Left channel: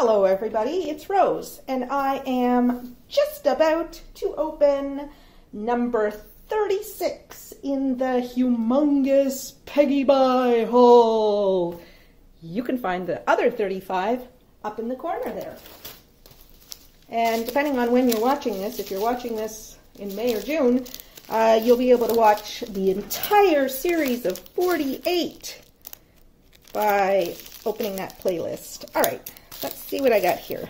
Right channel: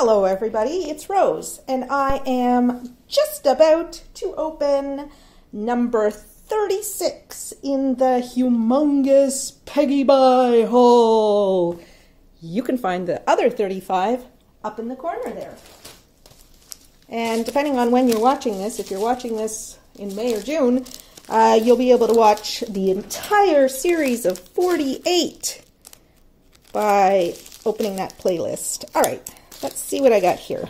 Hello everybody, it's Rose, and I am just about to open number 36 in the humongous PeggyBuy haul. You can find the other 35 up in the corner there. And depending on when you're watching this, if you're watching this in May or June, you'll be able to watch the entire series of 48 by opening that playlist. All right. Let's see what I got here.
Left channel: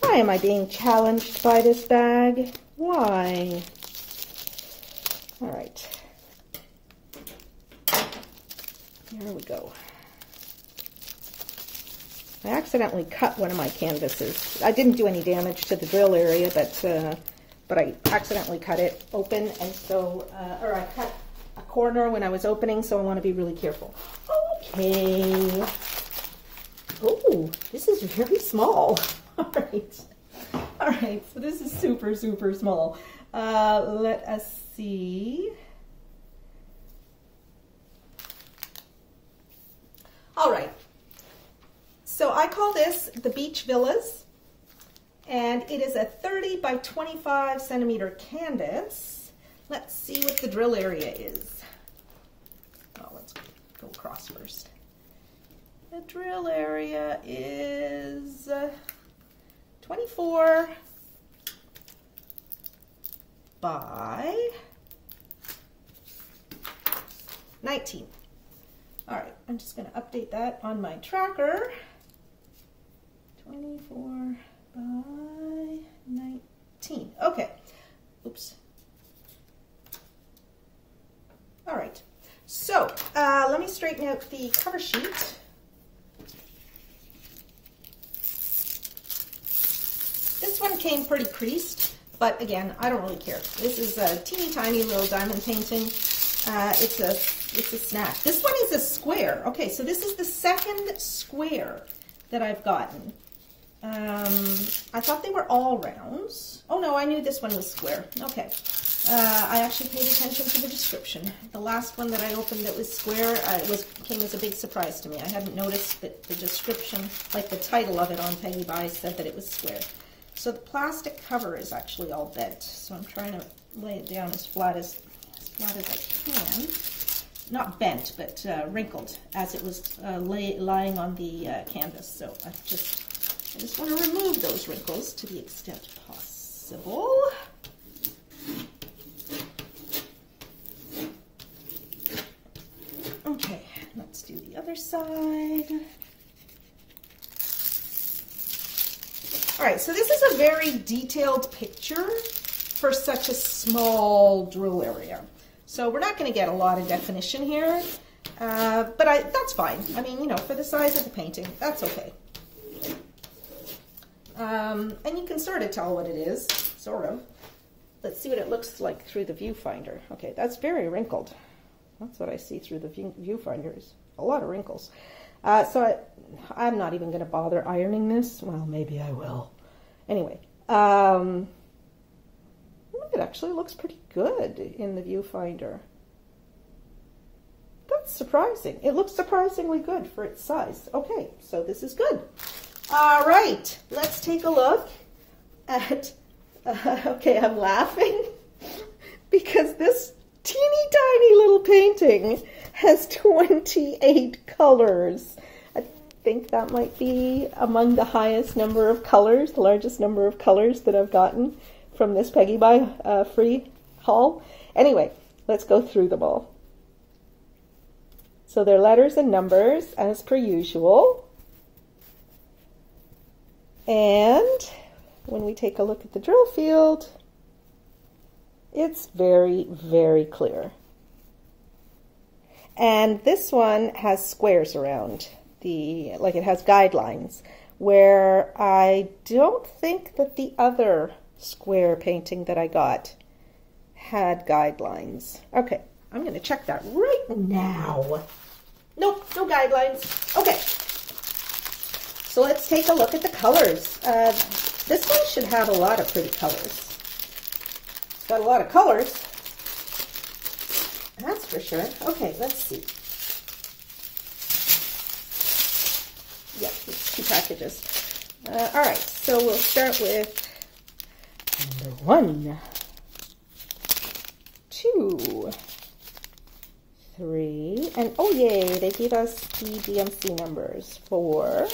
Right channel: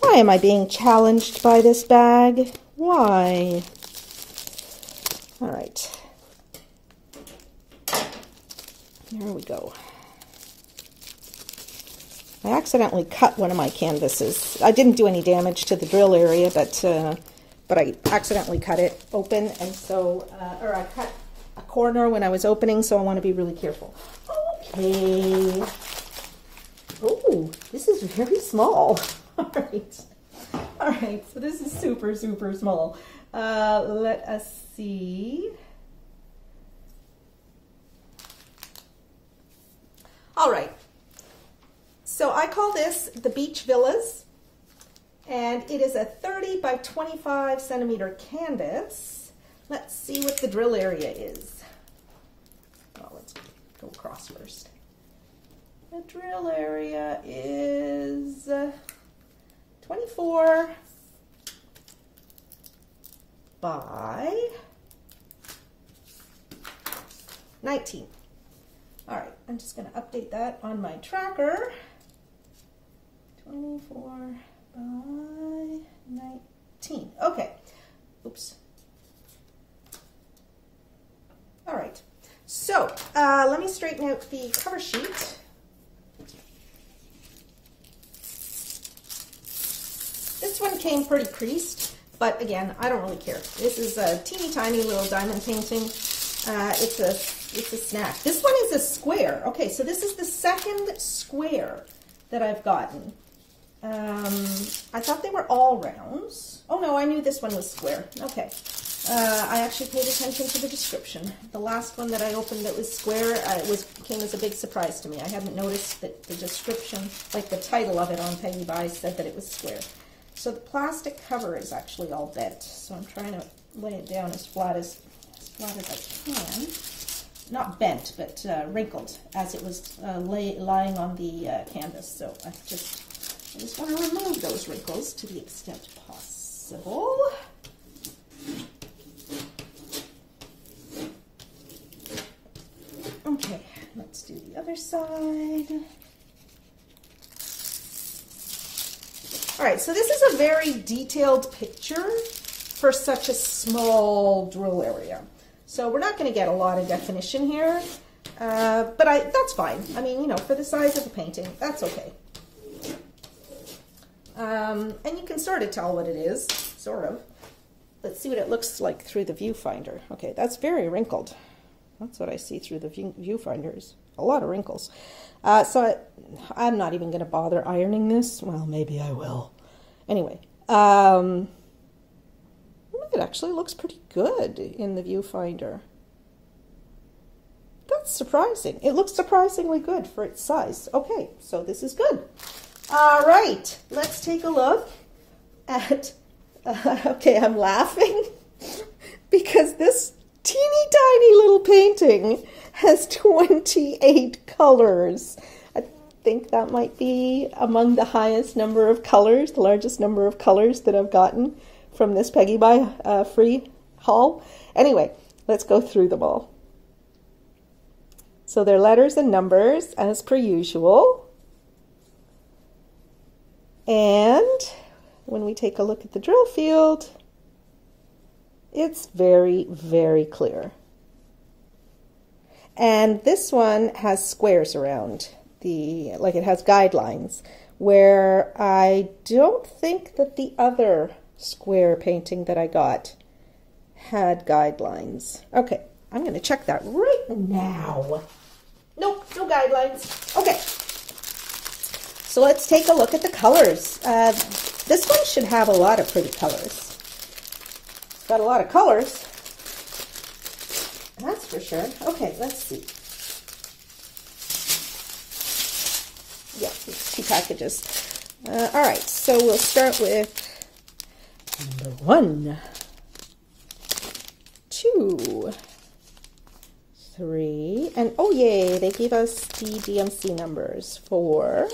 Why am I being challenged by this bag? Why? All right. There we go. I accidentally cut one of my canvases. I didn't do any damage to the drill area, but I accidentally cut it open, and so, or I cut a corner when I was opening, so I want to be really careful. Okay. Oh, this is very small. All right. All right, so this is super, super small. Let us see. All right. So I call this the Beach Villas, and it is a 30 by 25 centimeter canvas. Let's see what the drill area is. Oh, let's go across first. The drill area is 24 by 19. All right, I'm just going to update that on my tracker. 24 by 19. Okay. Oops. All right, so let me straighten out the cover sheet. This one came pretty creased, but again, I don't really care. This is a teeny tiny little diamond painting. It's a snack. This one is a square. Okay, so this is the second square that I've gotten. I thought they were all rounds. Oh no, I knew this one was square. Okay. I actually paid attention to the description. The last one that I opened that was square, came as a big surprise to me. I hadn't noticed that the description, like the title of it on PeggyBuy, said that it was square. So the plastic cover is actually all bent. So I'm trying to lay it down as flat as I can. Not bent, but wrinkled as it was lying on the canvas. So I just want to remove those wrinkles to the extent possible. Okay, let's do the other side. All right, so this is a very detailed picture for such a small drill area. So we're not going to get a lot of definition here, but that's fine. I mean, you know, for the size of the painting, that's okay. And you can sort of tell what it is, sort of. Let's see what it looks like through the viewfinder. Okay, that's very wrinkled. That's what I see through the viewfinders. A lot of wrinkles. So I'm not even going to bother ironing this. Well, maybe I will. Anyway, it actually looks pretty good in the viewfinder. That's surprising. It looks surprisingly good for its size. Okay, so this is good. All right, let's take a look at, okay, I'm laughing because this teeny tiny little painting has 28 colors. I think that might be among the highest number of colors, the largest number of colors that I've gotten from this PeggyBuy free haul. Anyway, let's go through them all. So they're letters and numbers as per usual. And when we take a look at the drill field, it's very, very clear. And this one has squares around like it has guidelines, where I don't think that the other square painting that I got had guidelines. Okay, I'm going to check that right now. Nope, no guidelines. Okay. So let's take a look at the colors. This one should have a lot of pretty colors. It's got a lot of colors. that's for sure. Okay, let's see. Yeah, 2 packages. All right, so we'll start with number 1, 2, 3, and oh yay, they gave us the DMC numbers. 4,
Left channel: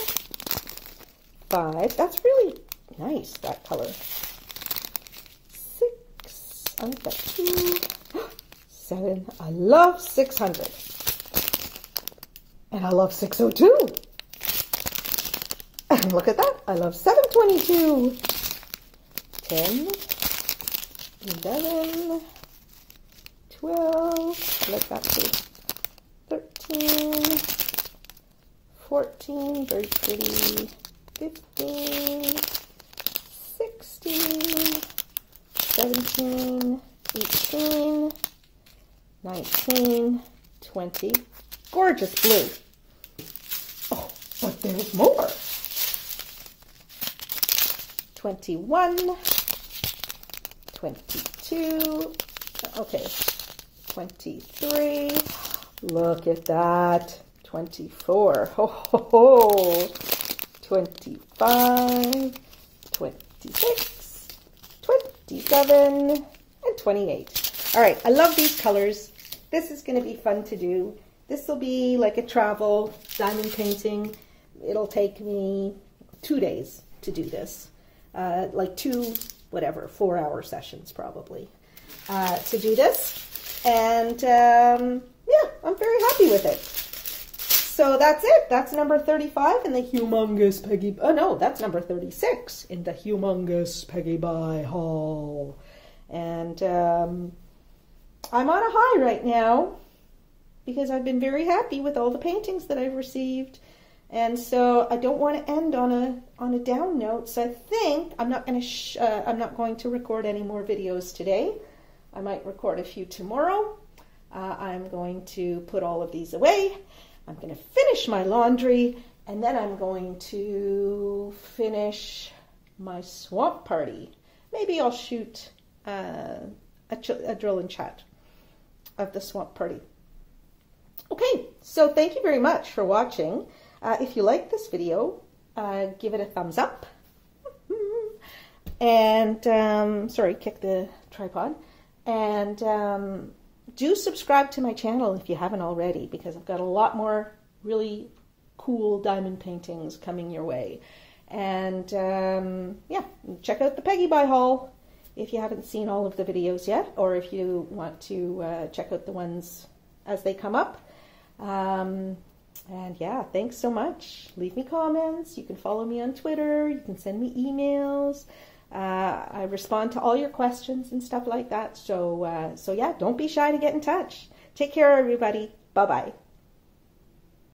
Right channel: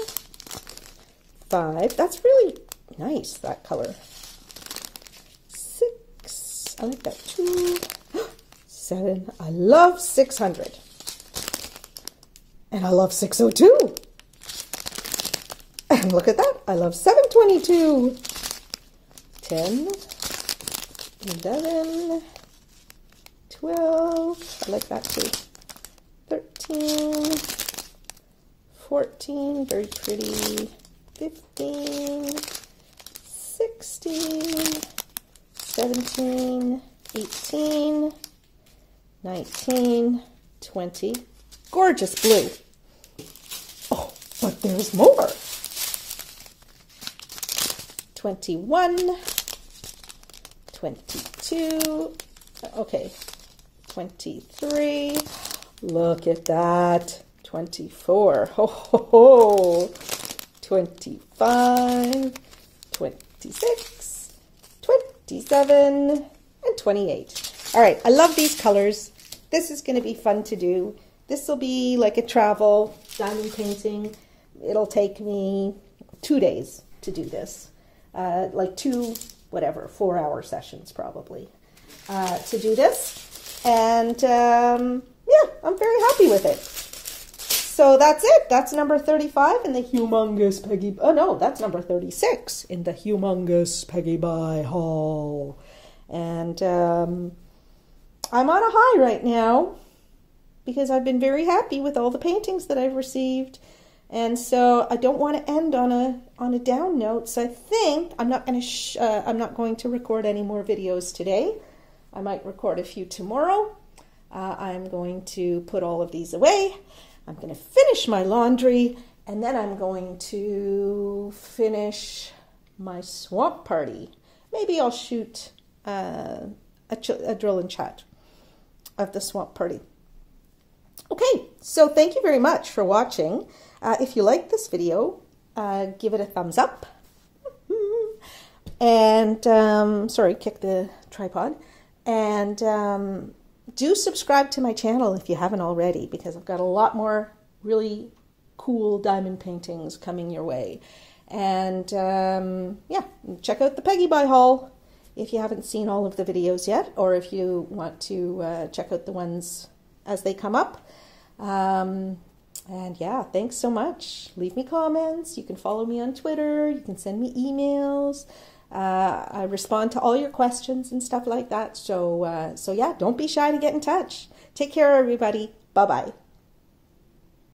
5. That's really nice, that color. 6. I like that too. 7. I love 600. And I love 602. And look at that. I love 722. 10. 11. 12. I like that too. 13. 14. Very pretty. 15. 16. 17. 18. 19, 20, gorgeous blue. Oh, but there's more. 21, 22, okay, 23, look at that, 24, ho, ho, ho. 25, 26, 27, and 28. All right, I love these colors. This is going to be fun to do. This will be like a travel diamond painting. It'll take me 2 days to do this. Like 2, whatever, 4-hour sessions probably to do this. And yeah, I'm very happy with it. So that's it. That's number 35 in the humongous Peggy. Oh no, that's number 36 in the humongous PeggyBuy haul. And I'm on a high right now because I've been very happy with all the paintings that I've received, and so I don't want to end on a down note. So I think I'm not going to record any more videos today. I might record a few tomorrow. I'm going to put all of these away. I'm going to finish my laundry, and then I'm going to finish my swamp party. Maybe I'll shoot a drill and chat of the swamp party. Okay, so thank you very much for watching. If you like this video, give it a thumbs up. And, sorry, kick the tripod. And do subscribe to my channel if you haven't already, because I've got a lot more really cool diamond paintings coming your way. And, yeah, check out the PeggyBuy haul if you haven't seen all of the videos yet, or if you want to check out the ones as they come up. And yeah, thanks so much. Leave me comments. You can follow me on Twitter. You can send me emails. I respond to all your questions and stuff like that. So yeah, don't be shy to get in touch. Take care, everybody. Bye-bye.